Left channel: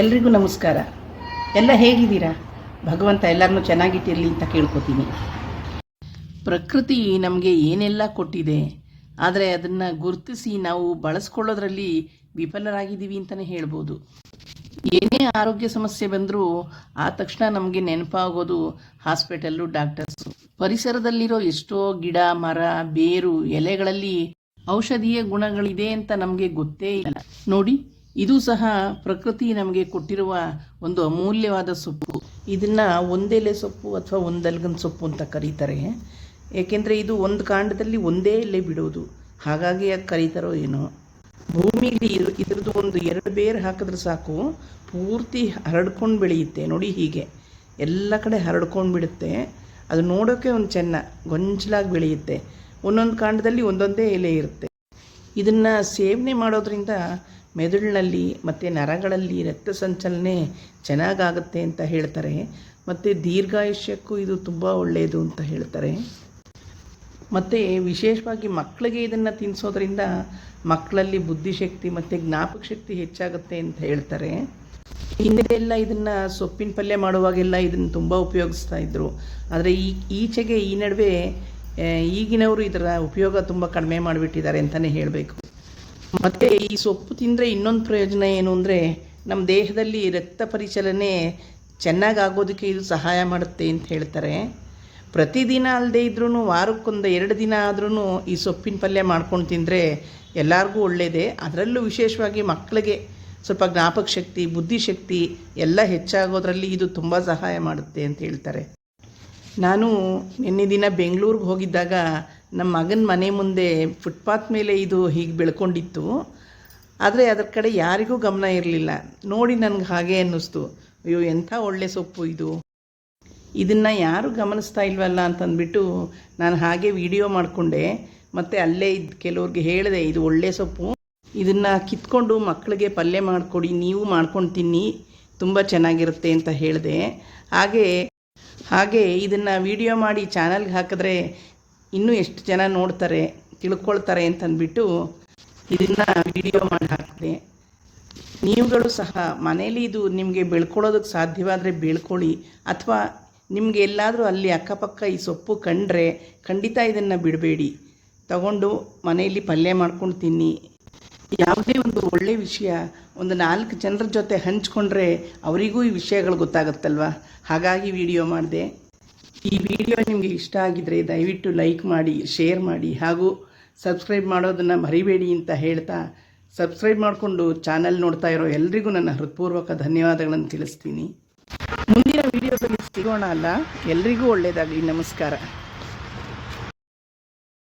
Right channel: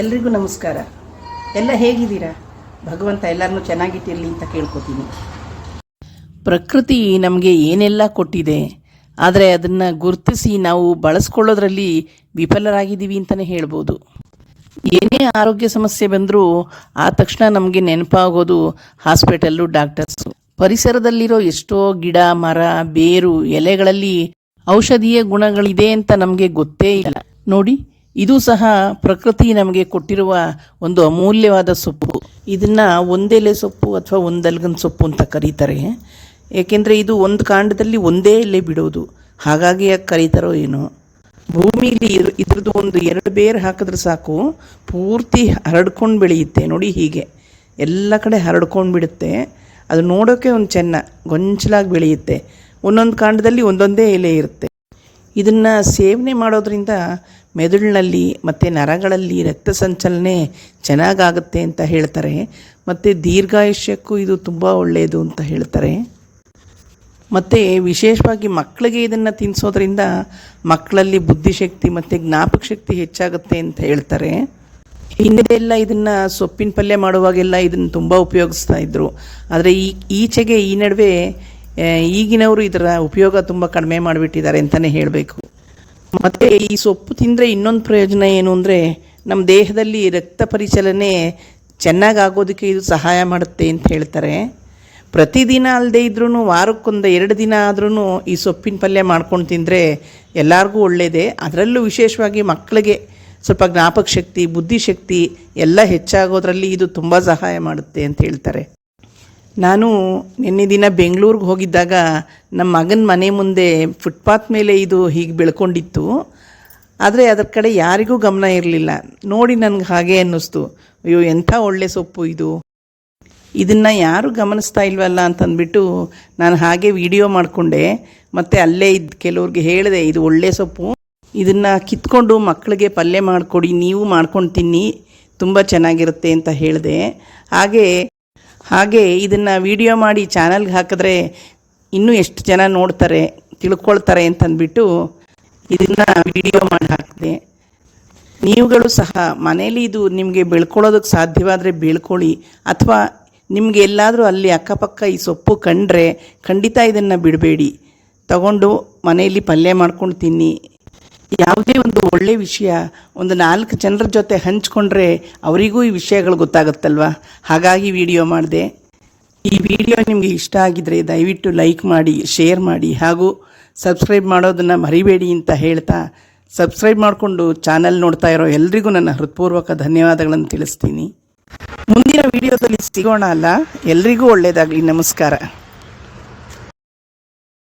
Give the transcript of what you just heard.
ಎಲ್ರಿಗೂ ನಮಸ್ಕಾರ. ಎಲ್ಲ ಹೇಗಿದ್ದೀರಾ? ಭಗವಂತ ಎಲ್ಲರನ್ನೂ ಚೆನ್ನಾಗಿಟ್ಟಿರಲಿ ಅಂತ ಕೇಳ್ಕೊತೀನಿ. ಪ್ರಕೃತಿ ನಮಗೆ ಏನೆಲ್ಲ ಕೊಟ್ಟಿದೆ, ಆದರೆ ಅದನ್ನು ಗುರುತಿಸಿ ನಾವು ಬಳಸ್ಕೊಳ್ಳೋದ್ರಲ್ಲಿ ವಿಫಲರಾಗಿದ್ದೀವಿ ಅಂತಲೇ ಹೇಳ್ಬೋದು. ಏನೇ ಆರೋಗ್ಯ ಸಮಸ್ಯೆ ಬಂದರೂ ಆ ತಕ್ಷಣ ನಮಗೆ ನೆನಪಾಗೋದು ಹಾಸ್ಪಿಟಲ್ಲು ಡಾಕ್ಟರ್ಸು. ಪರಿಸರದಲ್ಲಿರೋ ಎಷ್ಟೋ ಗಿಡ, ಮರ, ಬೇರು, ಎಲೆಗಳಲ್ಲಿ ಔಷಧೀಯ ಗುಣಗಳಿದೆ ಅಂತ ನಮಗೆ ಗೊತ್ತೇ ಇಲ್ಲ. ನೋಡಿ ಇದು ಸಹ ಪ್ರಕೃತಿ ನಮಗೆ ಕೊಟ್ಟಿರುವ ಒಂದು ಅಮೂಲ್ಯವಾದ ಸೊಪ್ಪು. ಇದನ್ನು ಒಂದೆಲೆ ಸೊಪ್ಪು ಅಥವಾ ಒಂದಲ್ಗನ್ ಸೊಪ್ಪು ಅಂತ ಕರೀತಾರೆ. ಏಕೆಂದರೆ ಇದು ಒಂದು ಕಾಂಡದಲ್ಲಿ ಒಂದೇ ಎಲೆ ಬಿಡೋದು. ಹಾಗಾಗಿ ಯಾಕೆ ಕರೀತಾರೋ ಏನೋ. ಭೂಮಿಲಿ ಇದ್ರ- ಇದ್ರದ್ದು ಒಂದು ಎರಡು ಬೇರು ಹಾಕಿದ್ರೆ ಸಾಕು. ಪೂರ್ತಿ ಹರಡ್ಕೊಂಡು ಬೆಳೆಯುತ್ತೆ. ನೋಡಿ ಹೀಗೆ. ಎಲ್ಲ ಕಡೆ ಹರಡ್ಕೊಂಡು ಬಿಡುತ್ತೆ. ಅದು ನೋಡೋಕ್ಕೆ ಒಂದು ಚೆನ್ನ, ಗೊಂಚಲಾಗಿ ಬೆಳೆಯುತ್ತೆ. ಒಂದೊಂದು ಕಾಂಡದಲ್ಲಿ ಒಂದೊಂದೇ ಎಲೆ ಇರುತ್ತೆ. ಇದನ್ನು ಸೇವನೆ ಮಾಡೋದ್ರಿಂದ ಮೆದುಳಿನಲ್ಲಿ ಮತ್ತು ನರಗಳಲ್ಲಿ ರಕ್ತ ಸಂಚಲನೆ ಚೆನ್ನಾಗಾಗುತ್ತೆ ಅಂತ ಹೇಳ್ತಾರೆ. ಮತ್ತು ದೀರ್ಘಾಯುಷ್ಯಕ್ಕೂ ಇದು ತುಂಬ ಒಳ್ಳೆಯದು ಅಂತ ಹೇಳ್ತಾರೆ. ಮತ್ತು ವಿಶೇಷವಾಗಿ ಮಕ್ಕಳಿಗೆ ಇದನ್ನು ತಿನ್ನಿಸೋದ್ರಿಂದ ಮಕ್ಕಳಲ್ಲಿ ಬುದ್ಧಿಶಕ್ತಿ ಮತ್ತು ಜ್ಞಾಪಕ ಶಕ್ತಿ ಹೆಚ್ಚಾಗುತ್ತೆ ಅಂತ ಹೇಳ್ತಾರೆ. ಹಿಂದೆಲ್ಲ ಇದನ್ನು ಸೊಪ್ಪಿನ ಪಲ್ಯ ಮಾಡುವಾಗೆಲ್ಲ ಇದನ್ನು ತುಂಬ ಉಪಯೋಗಿಸ್ತಾ ಇದ್ದರು ಆದರೆ ಈ ಈಚೆಗೆ ಈ ನಡುವೆ ಈಗಿನವರು ಇದರ ಉಪಯೋಗ ತುಂಬ ಕಡಿಮೆ ಮಾಡಿಬಿಟ್ಟಿದ್ದಾರೆ ಅಂತಲೇ ಹೇಳಬೇಕು. ಮತ್ತು ಈ ಸೊಪ್ಪು ತಿಂದರೆ ಇನ್ನೊಂದು ಪ್ರಯೋಜನ ಏನು ಅಂದರೆ ನಮ್ಮ ದೇಹದಲ್ಲಿ ರಕ್ತ ಪರಿಚಲನೆ ಚೆನ್ನಾಗಾಗೋದಕ್ಕೆ ಇದು ಸಹಾಯ ಮಾಡುತ್ತೆ ಅಂತ ಹೇಳ್ತಾರೆ. ಪ್ರತಿದಿನ ಅಲ್ಲದೆ ಇದ್ರೂ ವಾರಕ್ಕೊಂದು ಎರಡು ದಿನ ಆದ್ರೂ ಈ ಸೊಪ್ಪಿನ ಪಲ್ಯ ಮಾಡ್ಕೊಂಡು ತಿಂದರೆ ಎಲ್ಲರಿಗೂ ಒಳ್ಳೆಯದೇ ಅದರಲ್ಲೂ ವಿಶೇಷವಾಗಿ ಮಕ್ಕಳಿಗೆ ಸ್ವಲ್ಪ ಜ್ಞಾಪಕ ಶಕ್ತಿ ಬುದ್ಧಿಶಕ್ತಿ ಎಲ್ಲ ಹೆಚ್ಚಾಗೋದ್ರಲ್ಲಿ ಇದು ತುಂಬ ಸಹಾಯ ಮಾಡುತ್ತೆ ಅಂತ ಹೇಳ್ತಾರೆ. ನಾನು ನಿನ್ನೆ ದಿನ ಬೆಂಗಳೂರಿಗೆ ಹೋಗಿದ್ದಾಗ ನಮ್ಮ ಮಗನ ಮನೆ ಮುಂದೆ ಫುಟ್ಪಾತ್ ಮೇಲೆ ಇದು ಹೀಗೆ ಬೆಳ್ಕೊಂಡಿತ್ತು. ಆದರೆ ಅದರ ಕಡೆ ಯಾರಿಗೂ ಗಮನ ಇರಲಿಲ್ಲ. ನೋಡಿ ನನಗೆ ಹಾಗೆ ಅನ್ನಿಸ್ತು. ಅಯ್ಯೋ, ಎಂಥ ಒಳ್ಳೆ ಸೊಪ್ಪು ಇದು. ಇದನ್ನು ಯಾರು ಗಮನಿಸ್ತಾ ಇಲ್ವಲ್ಲ ಅಂತಂದ್ಬಿಟ್ಟು ನಾನು ಹಾಗೆ ವಿಡಿಯೋ ಮಾಡಿಕೊಂಡೆ. ಮತ್ತು ಅಲ್ಲೇ ಇದ್ದ ಕೆಲವ್ರಿಗೆ ಹೇಳಿದೆ, ಇದು ಒಳ್ಳೆ ಸೊಪ್ಪು. ಇದನ್ನು ಕಿತ್ಕೊಂಡು ಮಕ್ಕಳಿಗೆ ಪಲ್ಯ ಮಾಡಿಕೊಡಿ, ನೀವು ಮಾಡ್ಕೊಂಡು ತಿನ್ನಿ. ತುಂಬ ಚೆನ್ನಾಗಿರುತ್ತೆ ಅಂತ ಹೇಳಿದೆ. ಹಾಗೆ ಹಾಗೆ ಇದನ್ನು ವಿಡಿಯೋ ಮಾಡಿ ಚಾನಲ್ಗೆ ಹಾಕಿದ್ರೆ ಇನ್ನೂ ಎಷ್ಟು ಜನ ನೋಡ್ತಾರೆ, ತಿಳ್ಕೊಳ್ತಾರೆ ಅಂತಂದ್ಬಿಟ್ಟು ಇದನ್ನು ವಿಡಿಯೋ ಮಾಡಿ ಹಾಕಿದೆ. ನೀವುಗಳು ಸಹ ಮನೇಲಿ ಇದು ನಿಮಗೆ ಬೆಳ್ಕೊಳ್ಳೋದಕ್ಕೆ ಸಾಧ್ಯವಾದರೆ ಬೆಳ್ಕೊಳ್ಳಿ. ಅಥವಾ ನಿಮಗೆ ಎಲ್ಲಾದರೂ ಅಲ್ಲಿ ಅಕ್ಕಪಕ್ಕ ಈ ಸೊಪ್ಪು ಕಂಡ್ರೆ ಖಂಡಿತ ಇದನ್ನು ಬಿಡಬೇಡಿ. ತಗೊಂಡು ಮನೆಯಲ್ಲಿ ಪಲ್ಯ ಮಾಡ್ಕೊಂಡು ತಿನ್ನಿ. ಯಾವುದೇ ಒಂದು ಒಳ್ಳೆಯ ವಿಷಯ ಒಂದು ನಾಲ್ಕು ಜನರ ಜೊತೆ ಹಂಚ್ಕೊಂಡ್ರೆ ಅವರಿಗೂ ಈ ವಿಷಯಗಳು ಗೊತ್ತಾಗುತ್ತಲ್ವ? ಹಾಗಾಗಿ ವಿಡಿಯೋ ಮಾಡಿದೆ. ಈ ವಿಡಿಯೋ ನಿಮಗೆ ಇಷ್ಟ ಆಗಿದರೆ ದಯವಿಟ್ಟು ಲೈಕ್ ಮಾಡಿ, ಶೇರ್ ಮಾಡಿ ಹಾಗೂ ಸಬ್ಸ್ಕ್ರೈಬ್ ಮಾಡೋದನ್ನು ಮರಿಬೇಡಿ ಅಂತ ಹೇಳ್ತಾ ಸಬ್ಸ್ಕ್ರೈಬ್ ಮಾಡಿಕೊಂಡು ಚಾನಲ್ ನೋಡ್ತಾ ಇರೋ ಎಲ್ರಿಗೂ ನನ್ನ ಹೃತ್ಪೂರ್ವಕ ಧನ್ಯವಾದಗಳನ್ನು ತಿಳಿಸ್ತೀನಿ. ಮುಂದಿನ ವಿಡಿಯೋದಲ್ಲಿ ಸಿಗೋಣ ಅಲ್ಲ? ಎಲ್ರಿಗೂ ಒಳ್ಳೆಯದಾಗಲಿ ನಮಸ್ಕಾರ.